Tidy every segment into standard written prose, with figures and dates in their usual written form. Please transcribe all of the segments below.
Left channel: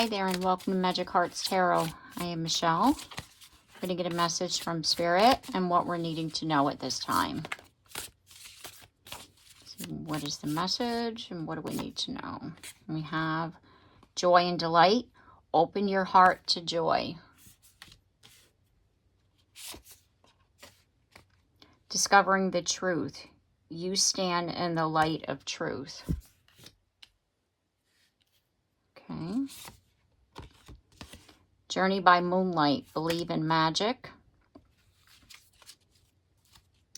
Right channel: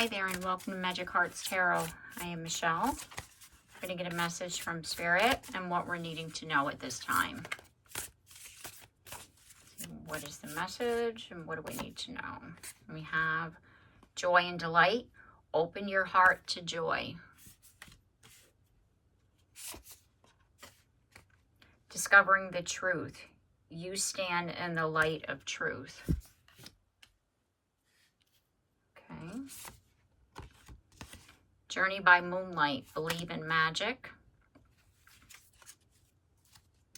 Hi there and welcome to Magic Hearts Tarot. I am Michelle. I'm going to get a message from Spirit and what we're needing to know at this time. So what is the message and what do we need to know? We have joy and delight. Open your heart to joy. Discovering the truth. You stand in the light of truth. Okay. Journey by moonlight. Believe in magic.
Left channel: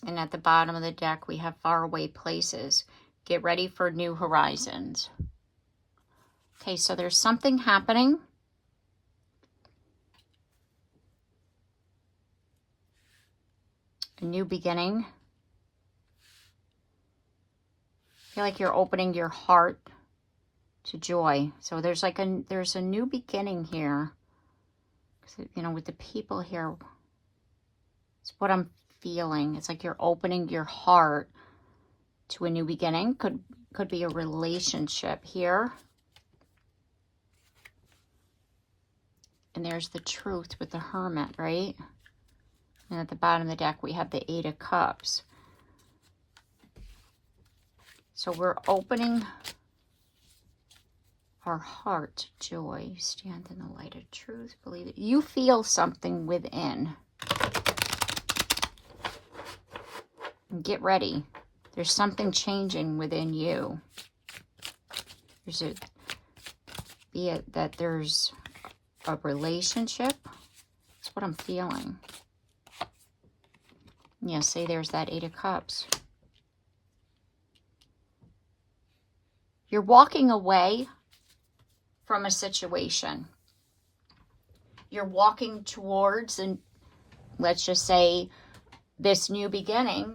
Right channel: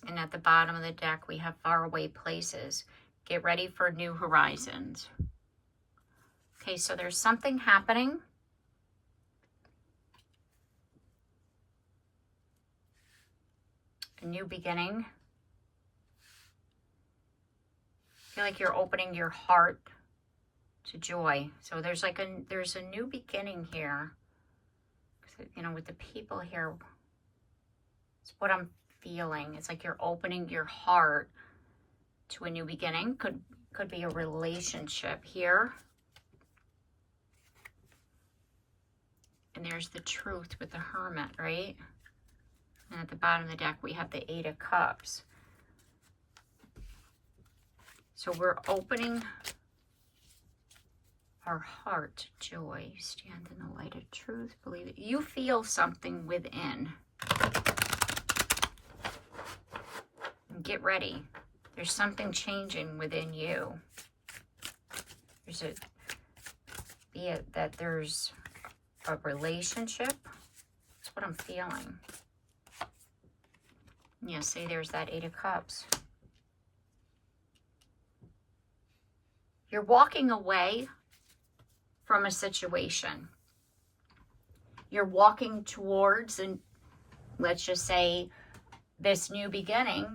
And at the bottom of the deck, we have faraway places. Get ready for new horizons. Okay, so there's something happening. A new beginning. I feel like you're opening your heart to joy. So there's like there's a new beginning here. You know, with the people here, it's what I'm feeling. It's like you're opening your heart to a new beginning. Could be a relationship here. And there's the truth with the Hermit, right? And at the bottom of the deck, we have the Eight of Cups. So we're opening our heart to joy. Stand in the light of truth. Believe it. You feel something within. And get ready. There's something changing within you. Be it that there's a relationship. That's what I'm feeling. Yeah, see, there's that Eight of Cups. You're walking away from a situation. You're walking towards, and let's just say, this new beginning,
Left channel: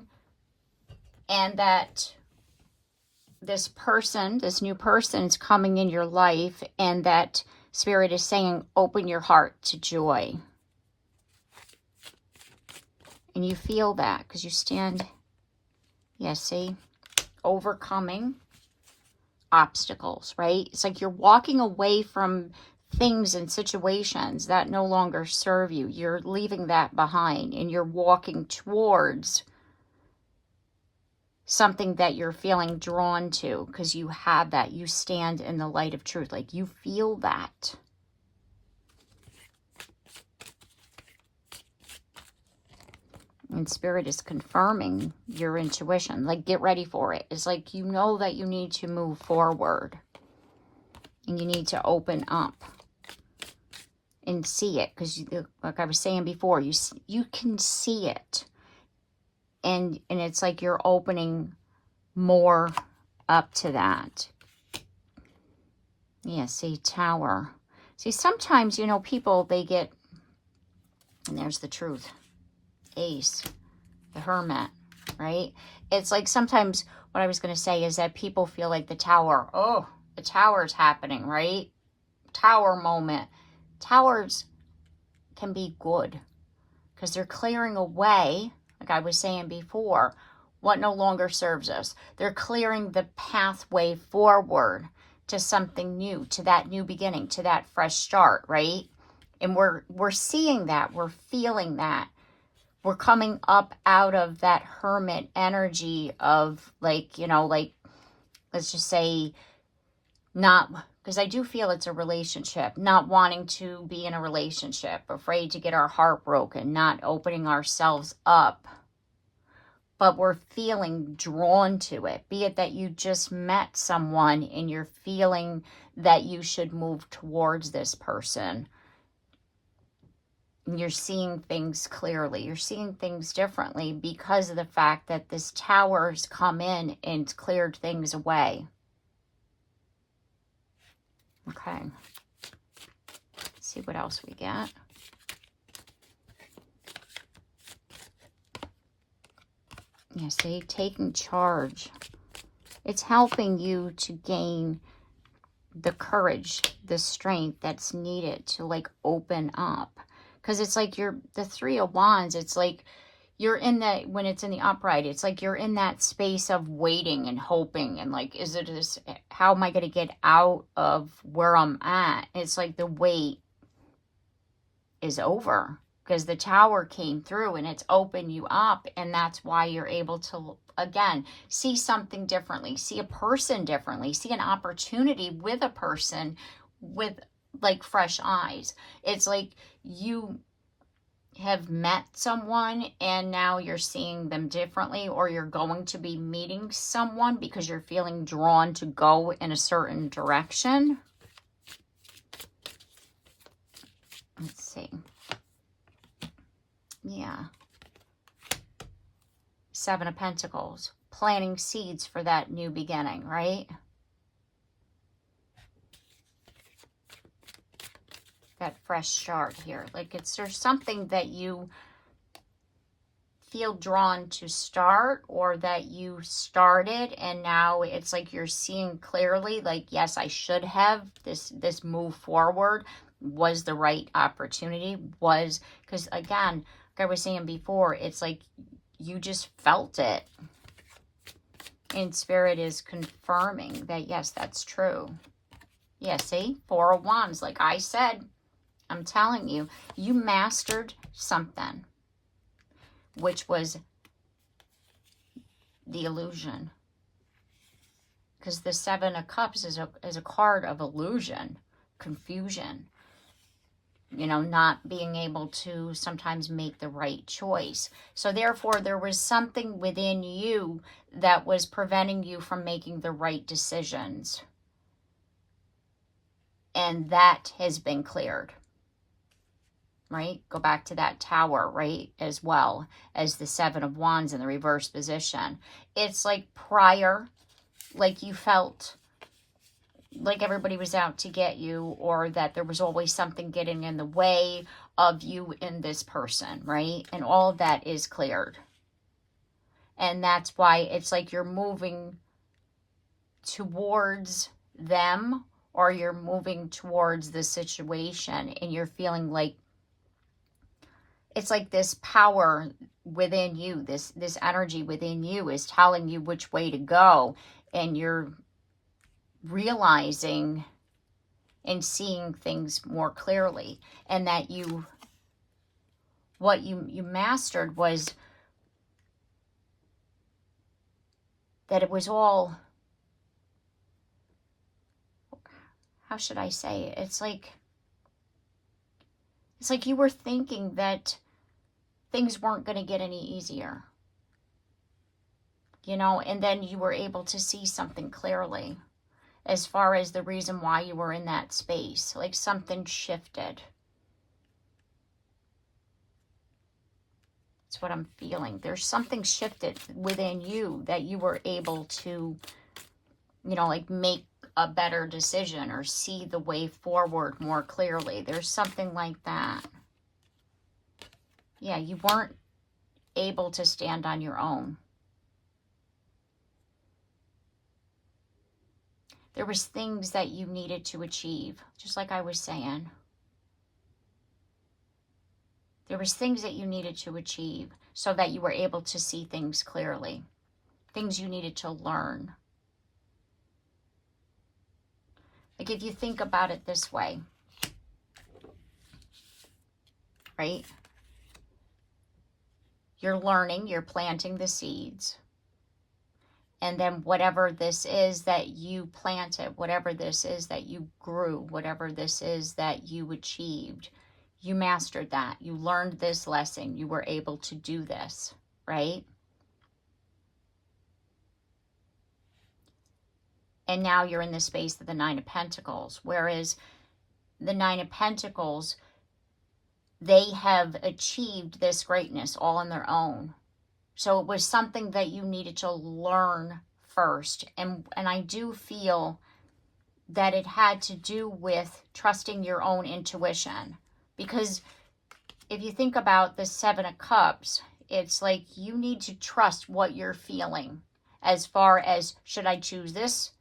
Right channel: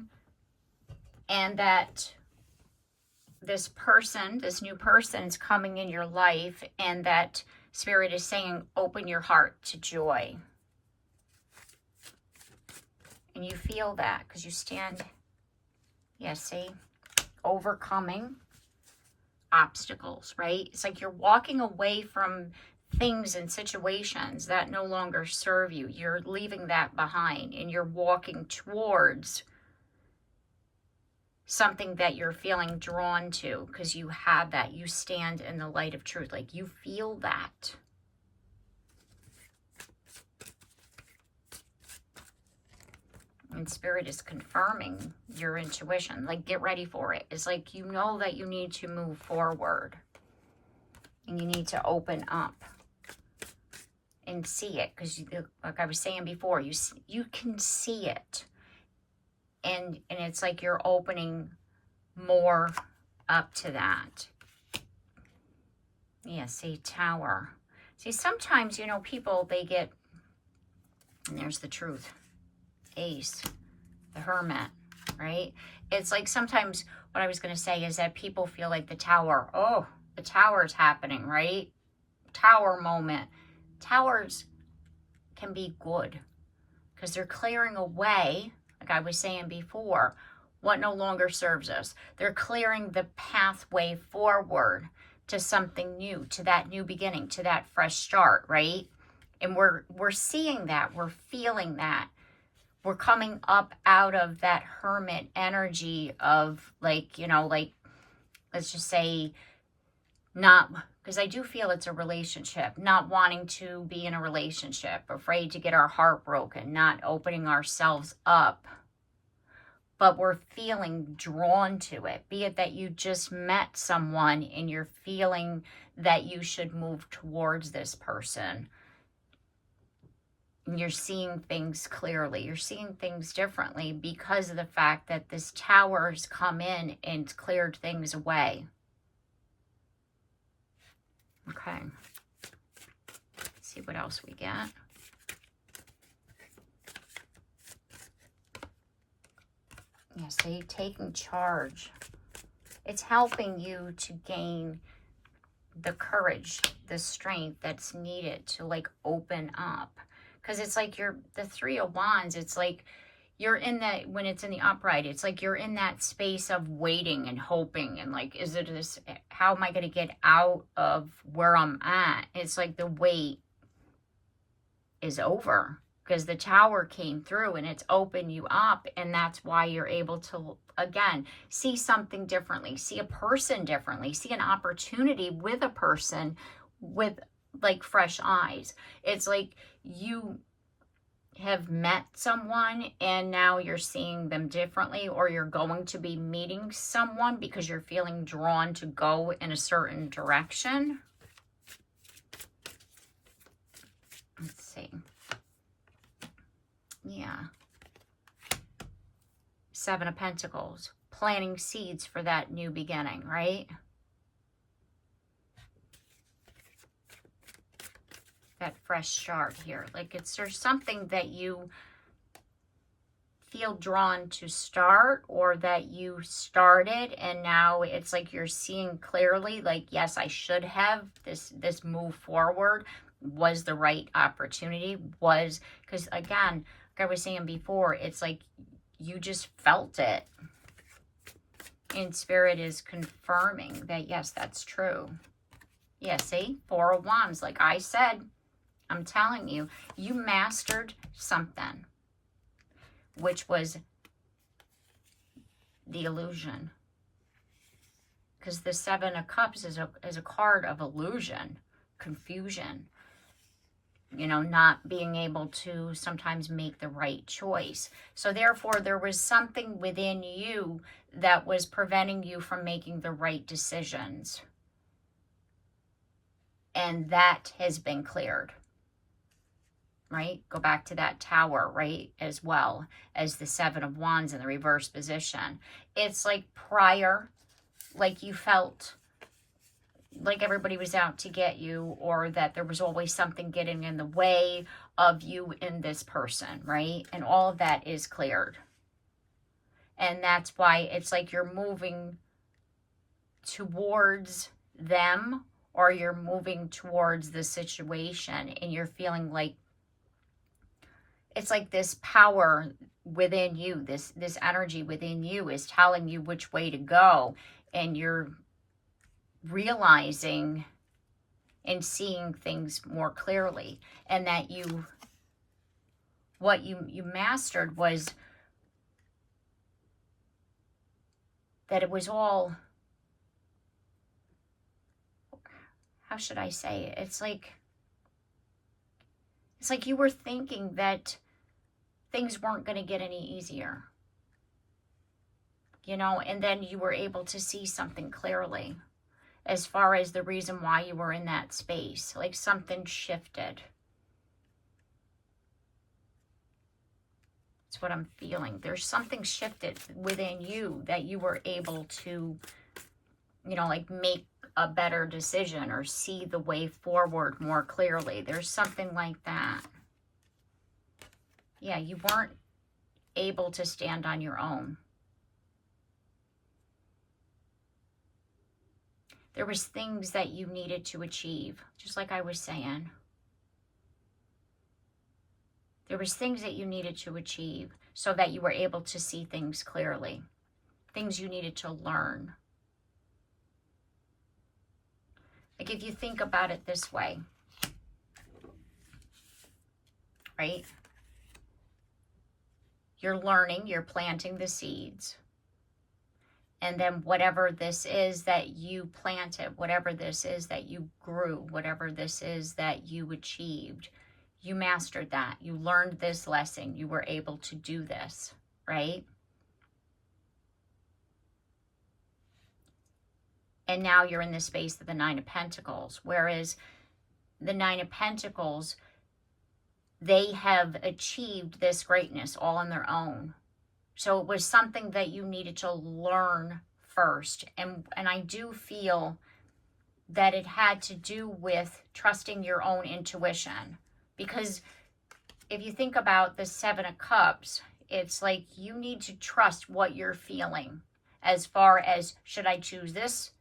and that this new person is coming in your life, and that Spirit is saying, open your heart to joy. And you feel that because you stand, yeah, see, overcoming obstacles, right? It's like you're walking away from things and situations that no longer serve you. You're leaving that behind and you're walking towards something that you're feeling drawn to because you have that. You stand in the light of truth. Like you feel that. And Spirit is confirming your intuition. Like, get ready for it. It's like you know that you need to move forward. And you need to open up. And see it. Because, like I was saying before, you can see it. And it's like you're opening more up to that. Yeah, see, Tower. See, sometimes, you know, people, they get... And there's the truth. Ace, the Hermit, right? It's like sometimes what I was going to say is that people feel like the Tower. Oh, the Tower is happening, right? Tower moment. Towers can be good because they're clearing away, like I was saying before, what no longer serves us. They're clearing the pathway forward to something new, to that new beginning, to that fresh start, right? And we're seeing that. We're feeling that. We're coming up out of that Hermit energy of, like, you know, like, let's just say, not, because I do feel it's a relationship, not wanting to be in a relationship, afraid to get our heart broken, not opening ourselves up, but we're feeling drawn to it. Be it that you just met someone and you're feeling that you should move towards this person. You're seeing things clearly. You're seeing things differently because of the fact that this Tower's come in and cleared things away. Okay. Let's see what else we get. You see, taking charge. It's helping you to gain the courage, the strength that's needed to, like, open up. Because it's like the Three of Wands, it's like you're in that, when it's in the upright, it's like you're in that space of waiting and hoping and like, is it this, how am I going to get out of where I'm at? It's like the wait is over because the Tower came through and it's opened you up, and that's why you're able to, again, see something differently, see a person differently, see an opportunity with a person with like fresh eyes. It's like you have met someone and now you're seeing them differently, or you're going to be meeting someone because you're feeling drawn to go in a certain direction. Let's see. Yeah. Seven of Pentacles. Planting seeds for that new beginning, right? That fresh start here. Like there's something that you feel drawn to start, or that you started and now it's like you're seeing clearly, like, yes, I should have this move forward was the right opportunity, was, because again, like I was saying before, it's like you just felt it, and Spirit is confirming that yes, that's true. Yeah, see, Four of Wands, like I said, I'm telling you, you mastered something, which was the illusion. Because the Seven of Cups is a card of illusion, confusion, you know, not being able to sometimes make the right choice. So therefore, there was something within you that was preventing you from making the right decisions. And that has been cleared. Right? Go back to that Tower, right? As well as the Seven of Wands in the reverse position. It's like prior, like you felt like everybody was out to get you, or that there was always something getting in the way of you and this person, right? And all of that is cleared. And that's why it's like you're moving towards them, or you're moving towards the situation, and you're feeling like it's like this power within you, this energy within you is telling you which way to go, and you're realizing and seeing things more clearly. And that what you mastered was that it was all, how should I say it? It's like you were thinking that things weren't going to get any easier, you know, and then you were able to see something clearly as far as the reason why you were in that space. Like something shifted. That's what I'm feeling. There's something shifted within you that you were able to, you know, like make a better decision or see the way forward more clearly. There's something like that. Yeah, you weren't able to stand on your own. There was things that you needed to achieve, just like I was saying. There was things that you needed to achieve so that you were able to see things clearly. Things you needed to learn. Like if you think about it this way, right? You're learning, you're planting the seeds. And then whatever this is that you planted, whatever this is that you grew, whatever this is that you achieved, you mastered that. You learned this lesson. You were able to do this, right? And now you're in the space of the Nine of Pentacles. Whereas the Nine of Pentacles, they have achieved this greatness all on their own. So it was something that you needed to learn first. And I do feel that it had to do with trusting your own intuition. Because if you think about the Seven of Cups, it's like you need to trust what you're feeling as far as, should I choose this,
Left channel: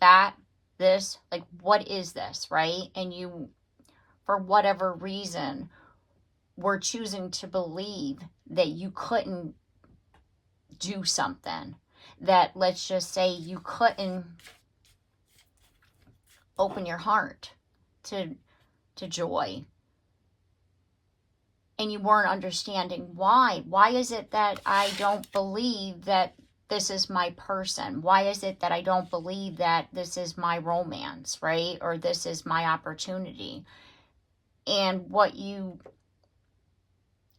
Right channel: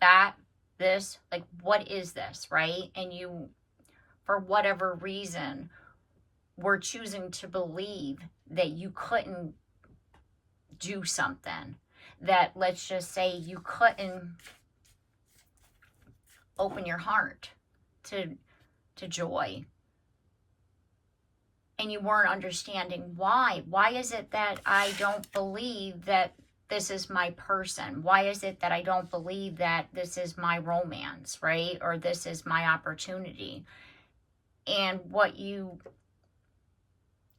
that, this? Like, what is this, right? And you, for whatever reason, were choosing to believe that you couldn't do something, that let's just say you couldn't open your heart to joy, and you weren't understanding why. Why is it that I don't believe that this is my person? Why is it that I don't believe that this is my romance, right? Or this is my opportunity? And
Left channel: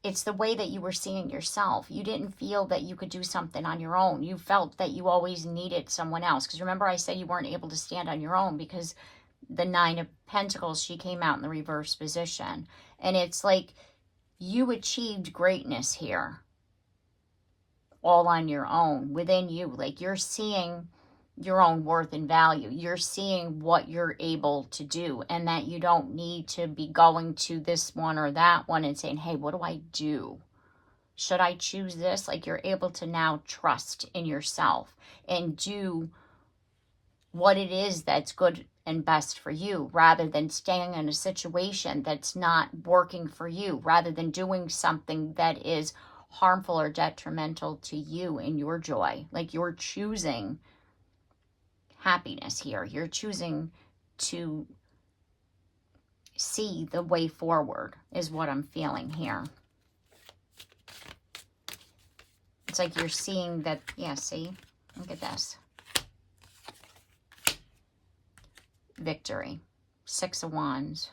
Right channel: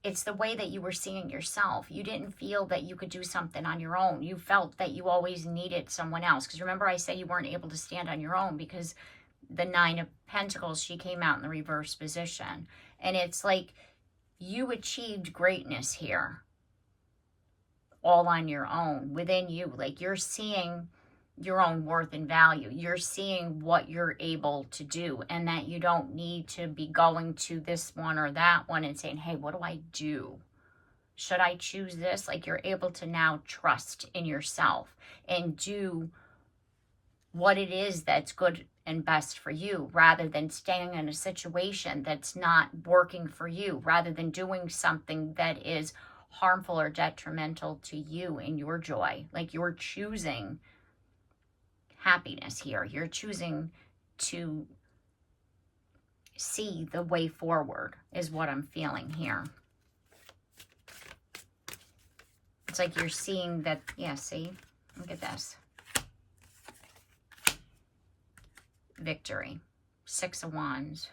it's the way that you were seeing yourself. You didn't feel that you could do something on your own. You felt that you always needed someone else. Because remember I said you weren't able to stand on your own because the Nine of Pentacles, she came out in the reverse position. And it's like you achieved greatness here all on your own, within you. Like you're seeing your own worth and value. You're seeing what you're able to do, and that you don't need to be going to this one or that one and saying, hey, what do I do? Should I choose this? Like you're able to now trust in yourself and do what it is that's good and best for you, rather than staying in a situation that's not working for you, rather than doing something that is harmful or detrimental to you and your joy. Like you're choosing happiness here. You're choosing to see the way forward is what I'm feeling here. It's like you're seeing that, yeah, see? Look at this. Victory. Six of Wands.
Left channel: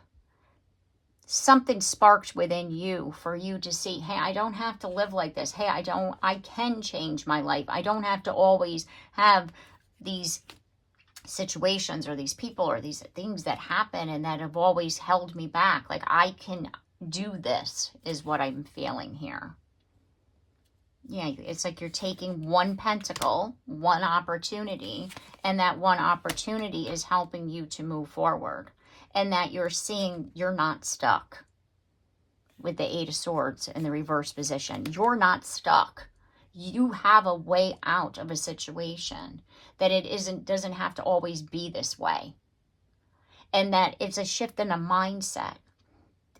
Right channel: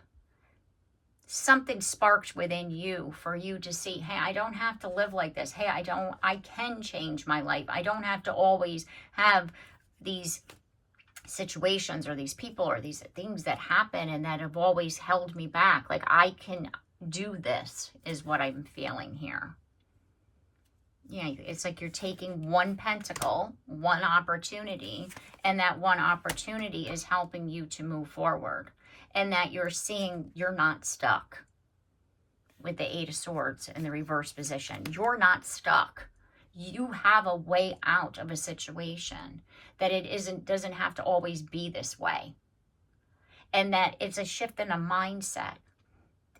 Something sparked within you for you to see, hey, I don't have to live like this. Hey, I can change my life. I don't have to always have these situations or these people or these things that happen and that have always held me back. Like I can do this is what I'm feeling here. Yeah, it's like you're taking one pentacle, one opportunity, and that one opportunity is helping you to move forward. And that you're seeing you're not stuck with the Eight of Swords in the reverse position. You're not stuck. You have a way out of a situation, that it doesn't have to always be this way. And that it's a shift in a mindset.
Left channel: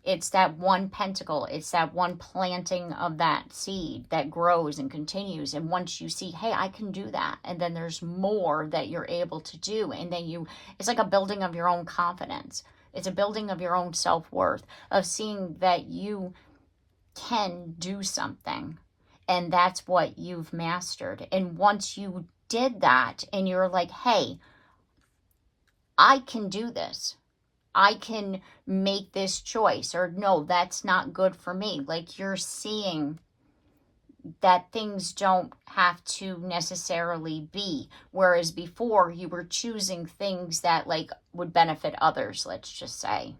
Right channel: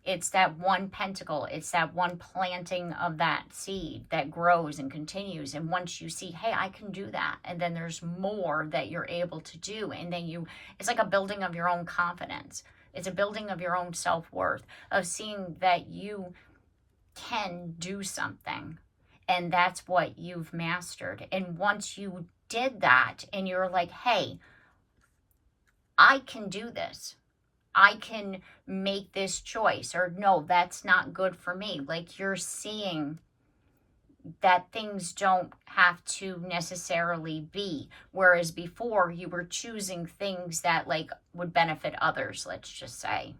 It's that one pentacle. It's that one planting of that seed that grows and continues. And once you see, hey, I can do that. And then there's more that you're able to do. And then it's like a building of your own confidence. It's a building of your own self-worth, of seeing that you can do something. And that's what you've mastered. And once you did that and you're like, hey, I can do this. I can make this choice, or no, that's not good for me. Like you're seeing that things don't have to necessarily be. Whereas before you were choosing things that like would benefit others, let's just say.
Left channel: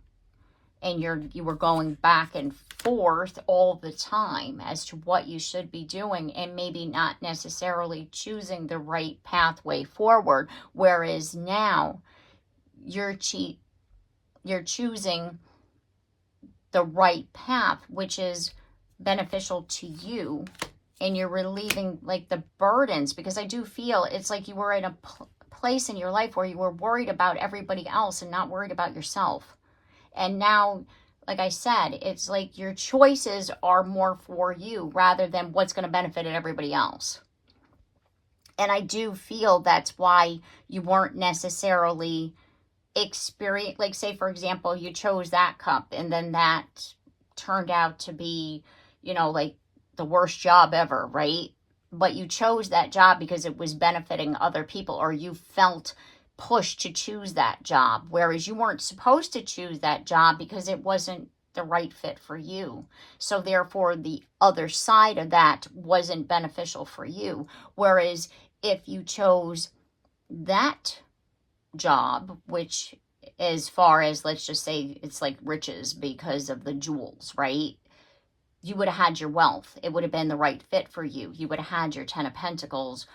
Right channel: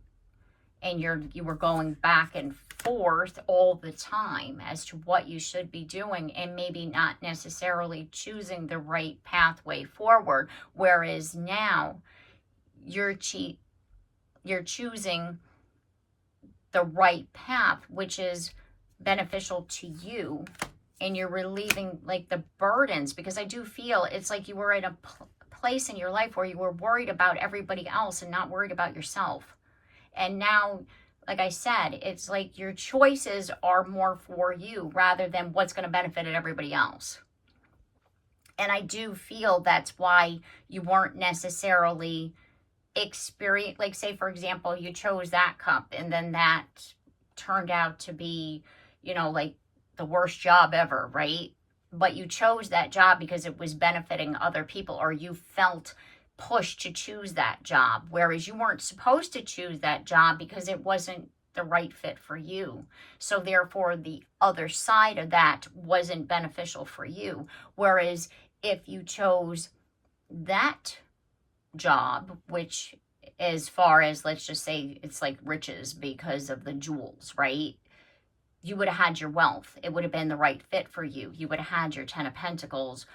And you were going back and forth all the time as to what you should be doing, and maybe not necessarily choosing the right pathway forward. Whereas now you're choosing the right path, which is beneficial to you, and you're relieving like the burdens, because I do feel it's like you were in a place in your life where you were worried about everybody else and not worried about yourself. And now, like I said, it's like your choices are more for you rather than what's going to benefit everybody else. And I do feel that's why you weren't necessarily experience, like say for example you chose that cup and then that turned out to be, you know, like the worst job ever, right? But you chose that job because it was benefiting other people, or you felt pushed to choose that job, whereas you weren't supposed to choose that job because it wasn't the right fit for you. So therefore the other side of that wasn't beneficial for you. Whereas if you chose that job, which as far as, let's just say it's like riches because of the jewels, right? You would have had your wealth. It would have been the right fit for you. You would have had your Ten of Pentacles,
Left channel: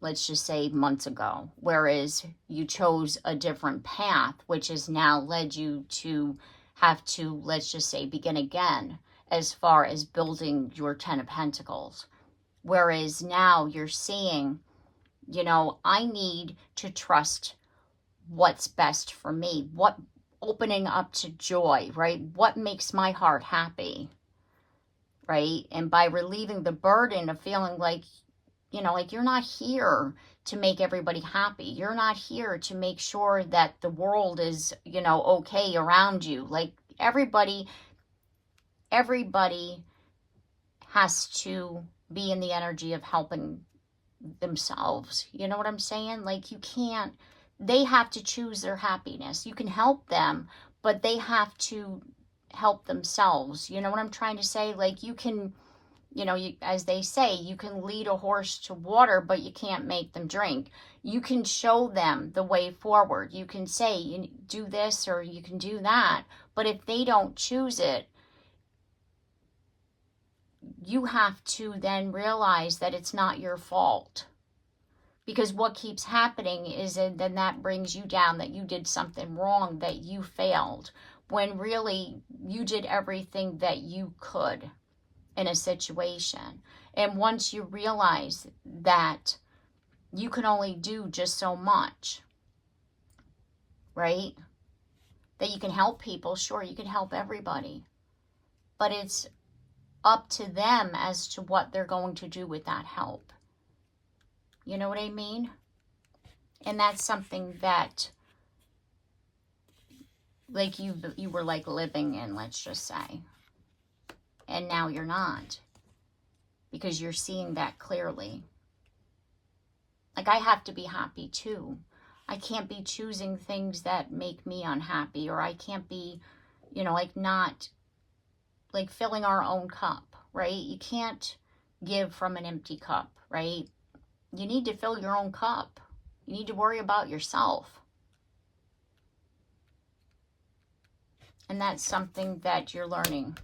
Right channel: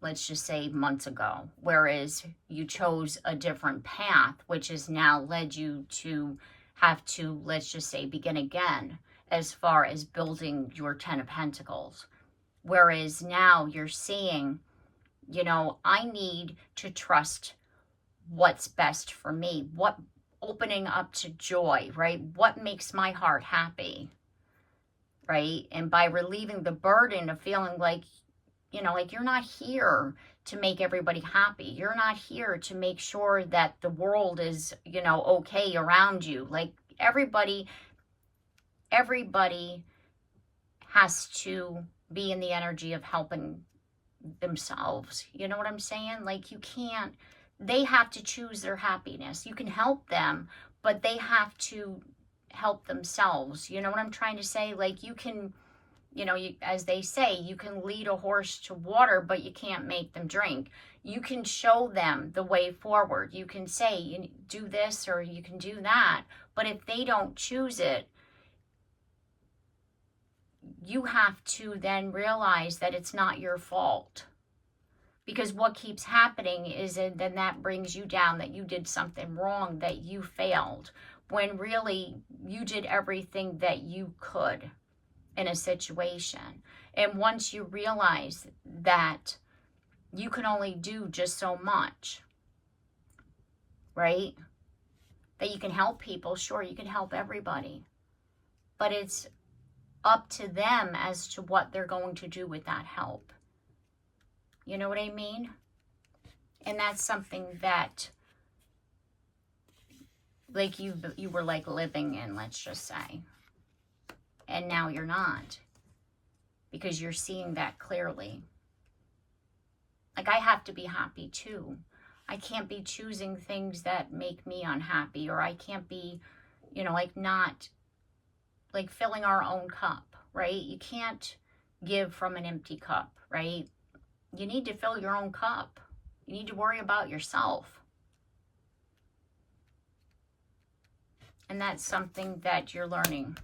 let's just say months ago. Whereas you chose a different path, which has now led you to have to, let's just say, begin again as far as building your Ten of Pentacles. Whereas now you're seeing, you know, I need to trust what's best for me. What opening up to joy, right? What makes my heart happy, right? And by relieving the burden of feeling like, you know, like you're not here to make everybody happy. You're not here to make sure that the world is, you know, okay around you. Like everybody has to be in the energy of helping themselves. You know what I'm saying? Like you can't, they have to choose their happiness. You can help them, but they have to help themselves. You know what I'm trying to say? Like you can, you know, as they say, you can lead a horse to water, but you can't make them drink. You can show them the way forward. You can say, you do this or you can do that. But if they don't choose it, you have to then realize that it's not your fault. Because what keeps happening is then that brings you down, that you did something wrong, that you failed, when really you did everything that you could in a situation. And once you realize that you can only do just so much, right? That you can help people, sure, you can help everybody. But it's up to them as to what they're going to do with that help. You know what I mean? And that's something that, like you were like living in, let's just say. And now you're not, because you're seeing that clearly. Like I have to be happy too. I can't be choosing things that make me unhappy, or I can't be, you know, like not like filling our own cup, right? You can't give from an empty cup, right? You need to fill your own cup. You need to worry about yourself. And that's something that you're learning.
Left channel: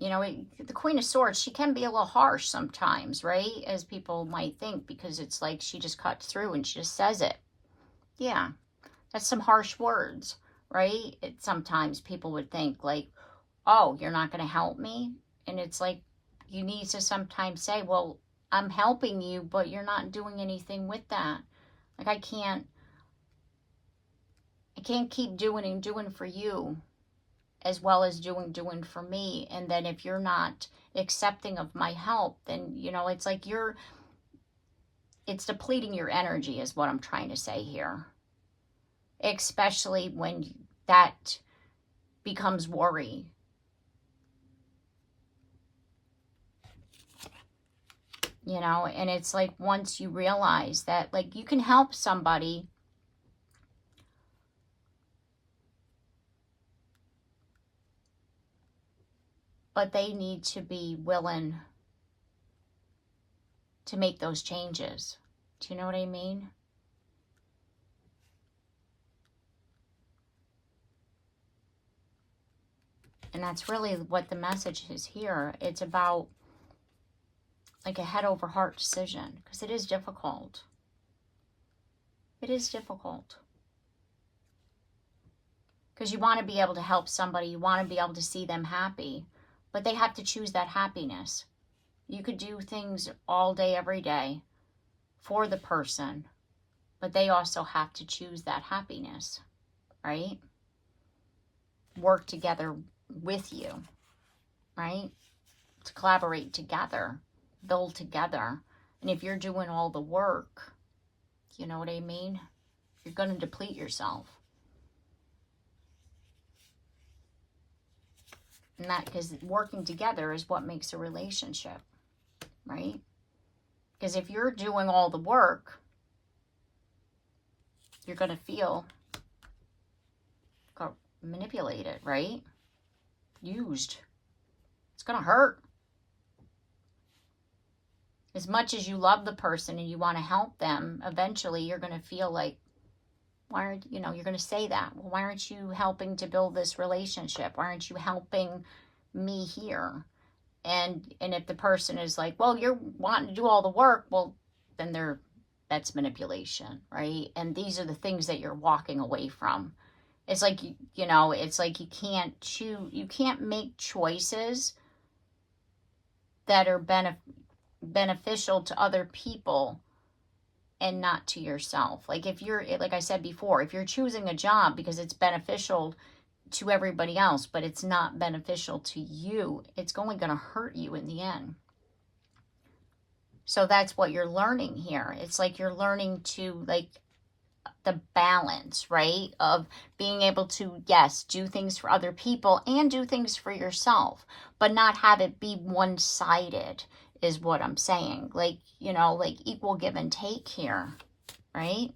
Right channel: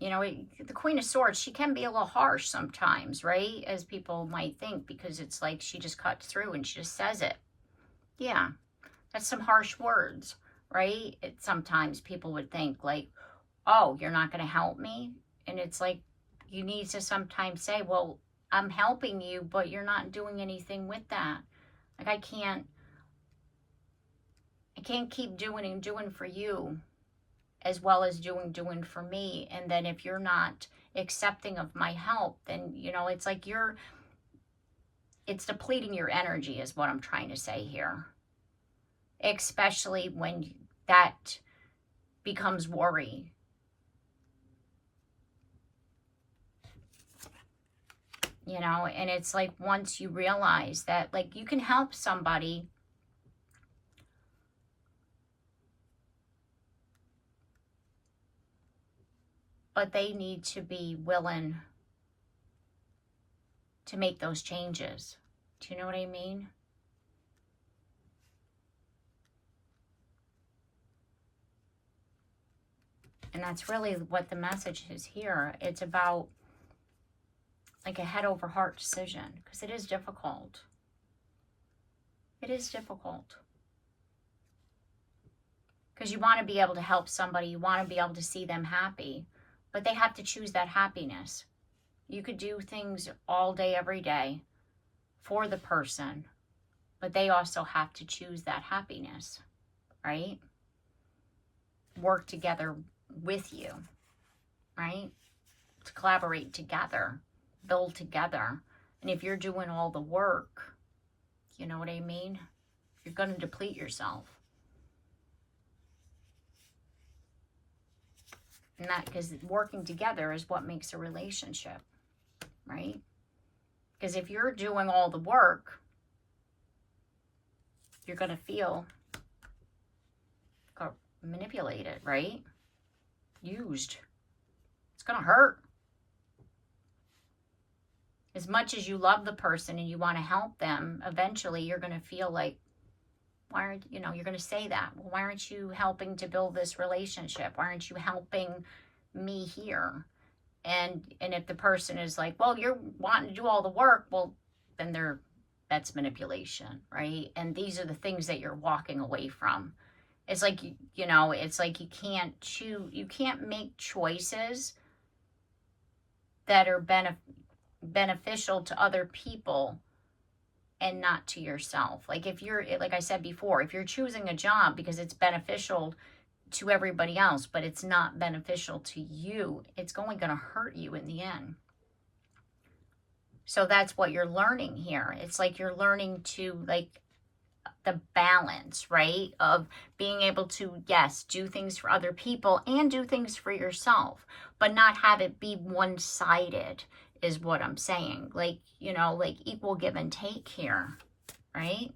You know, the Queen of Swords, she can be a little harsh sometimes, right? As people might think, because it's like she just cuts through and she just says it. Yeah, that's some harsh words, right? Sometimes people would think like, oh, you're not going to help me? And it's like, you need to sometimes say, well, I'm helping you, but you're not doing anything with that. Like I can't keep doing and doing for you as well as doing for me. And then if you're not accepting of my help, then, you know, it's like it's depleting your energy is what I'm trying to say here. Especially when that becomes worry. You know, and it's like once you realize that, like, you can help somebody, but they need to be willing to make those changes. Do you know what I mean? And that's really what the message is here. It's about like a head over heart decision, because it is difficult. It is difficult. Because you want to be able to help somebody, you want to be able to see them happy, but they have to choose that happiness. You could do things all day, every day for the person, but they also have to choose that happiness, right? Work together with you, right? To collaborate together, build together. And if you're doing all the work, you know what I mean? You're going to deplete yourself. And that, because working together is what makes a relationship, right? Because if you're doing all the work, you're going to feel manipulated, right? Used. It's going to hurt. As much as you love the person and you want to help them, eventually you're going to feel like, why aren't, you know, you're going to say that. Well, why aren't you helping to build this relationship? Why aren't you helping me here? And if the person is like, well, you're wanting to do all the work, well, then that's manipulation, right? And these are the things that you're walking away from. It's like, you know, it's like you can't make choices that are beneficial to other people and not to yourself. Like if you're, like I said before, if you're choosing a job because it's beneficial to everybody else, but it's not beneficial to you, it's only going to hurt you in the end. So that's what you're learning here. It's like you're learning to, like, the balance, right? Of being able to, yes, do things for other people and do things for yourself, but not have it be one-sided is what I'm saying. Like, you know, like equal give and take here, right?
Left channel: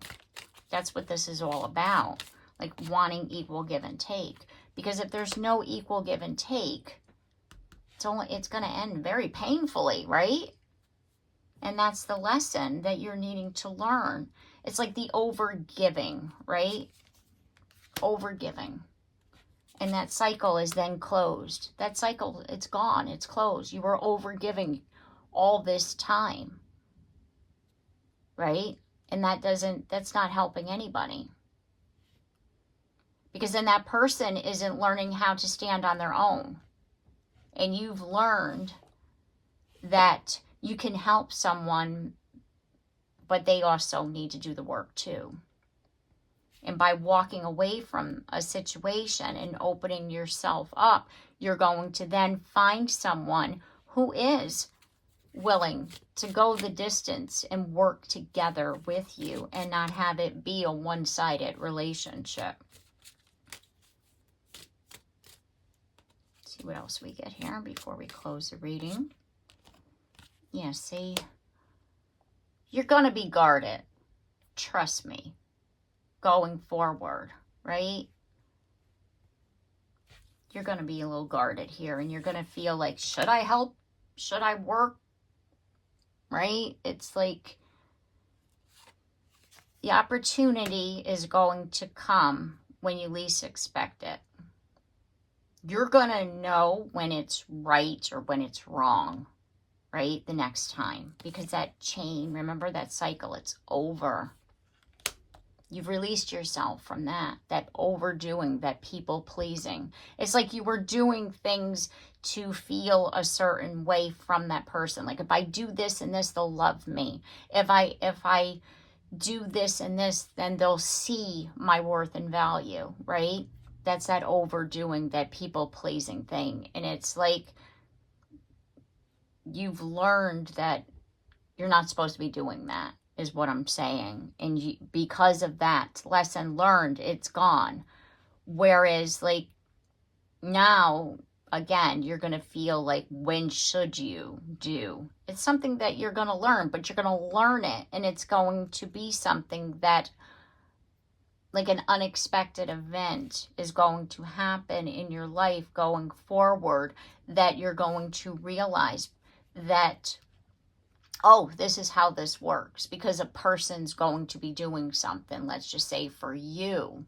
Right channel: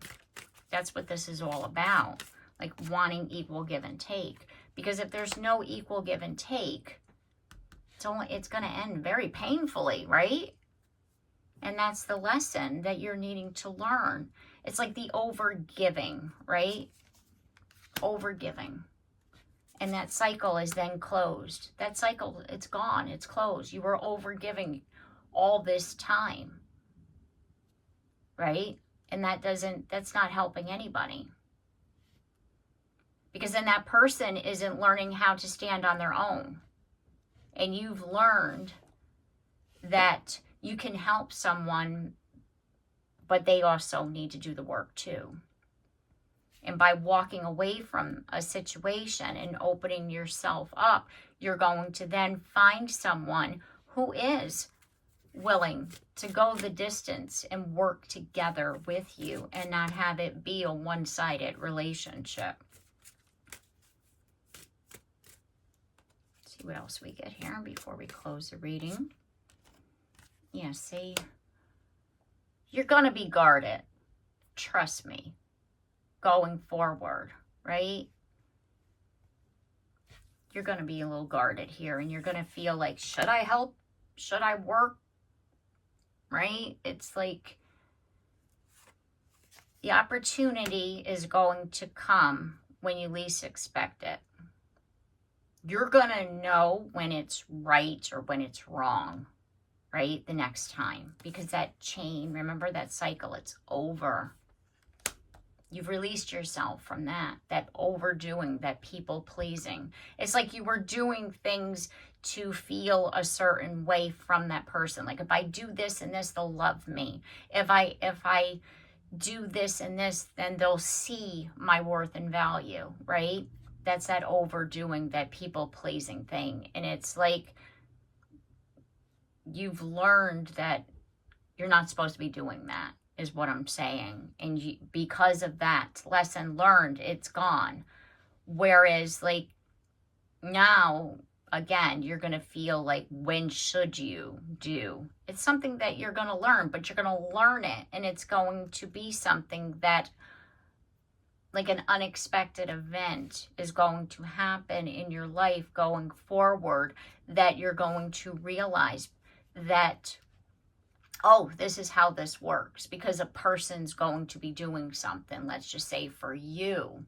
That's what this is all about. Like wanting equal give and take. Because if there's no equal give and take, it's going to end very painfully, right? And that's the lesson that you're needing to learn. It's like the overgiving, right? Overgiving. And that cycle is then closed. That cycle, it's gone. It's closed. You were overgiving all this time, right? And that's not helping anybody. Because then that person isn't learning how to stand on their own. And you've learned that you can help someone, but they also need to do the work too. And by walking away from a situation and opening yourself up, you're going to then find someone who is willing to go the distance and work together with you and not have it be a one-sided relationship. Let's see what else we get here before we close the reading. Yeah, see, you're going to be guarded. Trust me. Going forward, right? You're going to be a little guarded here, and you're going to feel like, should I help? Should I work? Right? It's like the opportunity is going to come when you least expect it. You're going to know when it's right or when it's wrong, right? The next time. Because that chain, remember that cycle, it's over. You've released yourself from that overdoing, that people pleasing. It's like you were doing things to feel a certain way from that person. Like if I do this and this, they'll love me. If I do this and this, then they'll see my worth and value, right? That's that overdoing, that people pleasing thing. And it's like you've learned that you're not supposed to be doing that, is what I'm saying. And because of that lesson learned, it's gone. Whereas like now, again, you're going to feel like, when should you do? It's something that you're going to learn, but you're going to learn it. And it's going to be something that, like an unexpected event is going to happen in your life going forward, that you're going to realize that, oh, this is how this works, because a person's going to be doing something, let's just say for you,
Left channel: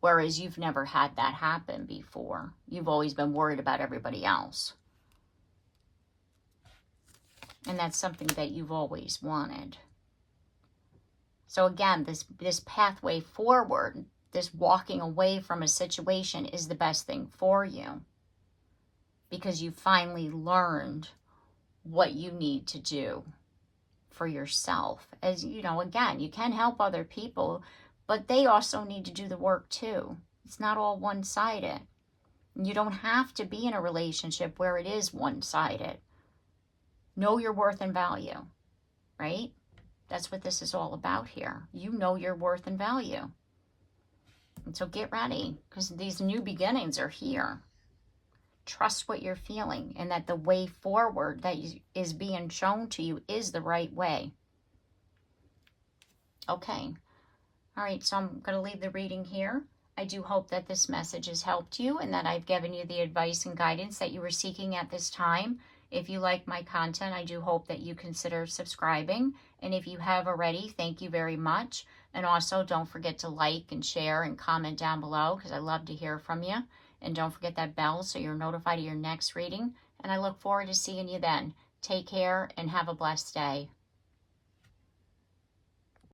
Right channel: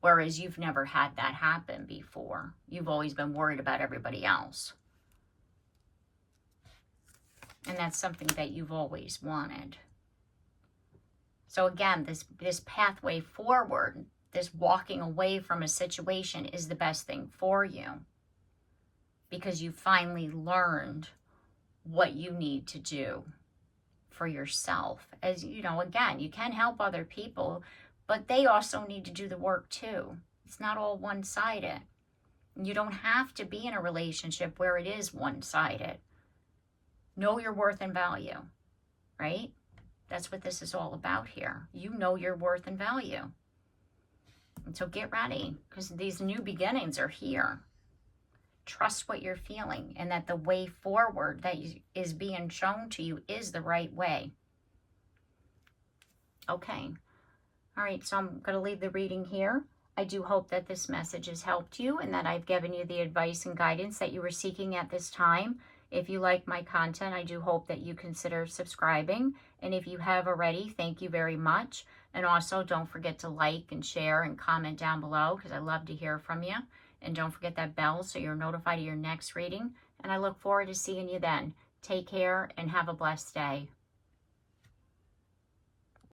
whereas you've never had that happen before. You've always been worried about everybody else. And that's something that you've always wanted. So again, this pathway forward, this walking away from a situation is the best thing for you, because you finally learned what you need to do for yourself. As you know, again, you can help other people, but they also need to do the work too. It's not all one-sided. You don't have to be in a relationship where it is one-sided. Know your worth and value, right? That's what this is all about here. You know your worth and value. And so get ready, because these new beginnings are here. Trust what you're feeling, and that the way forward that is being shown to you is the right way. Okay. All right, so I'm going to leave the reading here. I do hope that this message has helped you and that I've given you the advice and guidance that you were seeking at this time. If you like my content, I do hope that you consider subscribing. And if you have already, thank you very much. And also don't forget to like and share and comment down below, because I love to hear from you. And don't forget that bell so you're notified of your next reading. And I look forward to seeing you then. Take care and have a blessed day.